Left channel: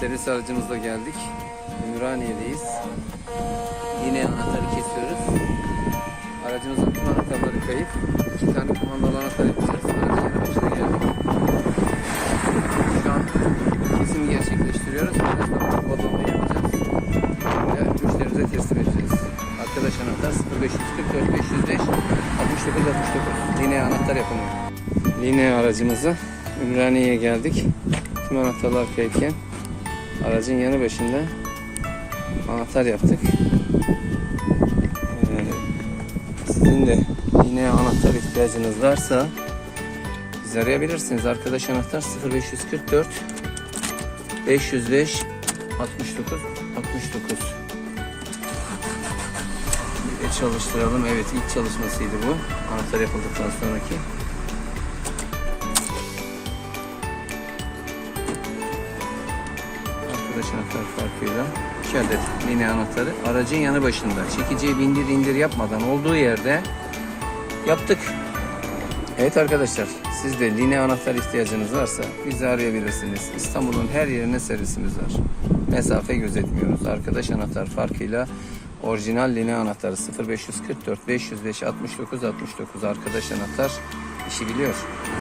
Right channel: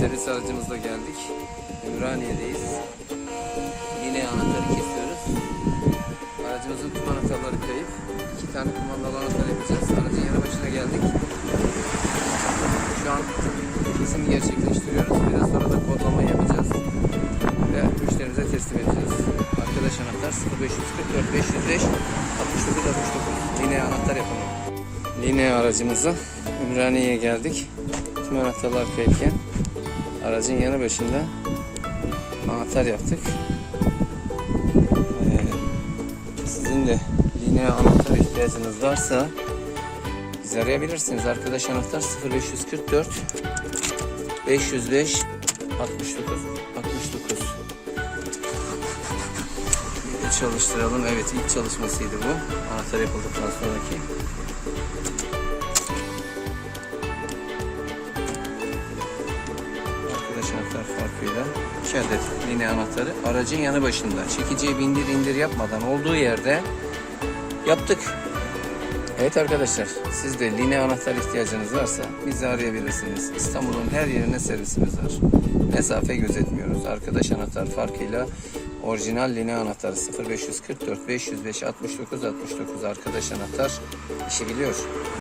servis aracımızla geldik. Ümraniye'deyiz. Yine anahtarı kesiyoruz. Aracımızın tüm anahtarları kayıp. İki tane kumandalı anahtar yapacağız. Aracın yanı başına geldik. Şu an kesim gerçekleştiriyoruz. Biraz sonra da kodlama yapacağız. Ve müşterimize teslim edeceğiz. Arkadaş anahtar 0544 505 69 69. Linea anahtar yapımı. Linea aracımızı Ümraniye'ye geldik. Tüm anahtarlar kayıpken aracın yanı başında anahtar yaptık. Ee, sizin de yine anahtar ihtiyacınız varsa bizi arayabilirsiniz. Arkadaş anahtar 0544 505 69 69 Bir de çalıştıralım. Evet ilk çalışmasıydı bu. Anahtar yapıldıktan sonraki. Arkadaş anahtar farkıyla 2 adet linea anahtarı aracın yanı başında. Çekiciye bindir indir yapmadan olduğu yerde yaptık. Evet arkadaşlar siz de linea anahtar ihtiyacınız varsa bizi arayabilirsiniz. İstanbul'un her yerine servisimiz var. Mesafe gözetmiyoruz. Arkadaş anahtar farkıyla orijinal linea anahtarı 0544 505 69 69 arkadaş anahtar işi biliyor.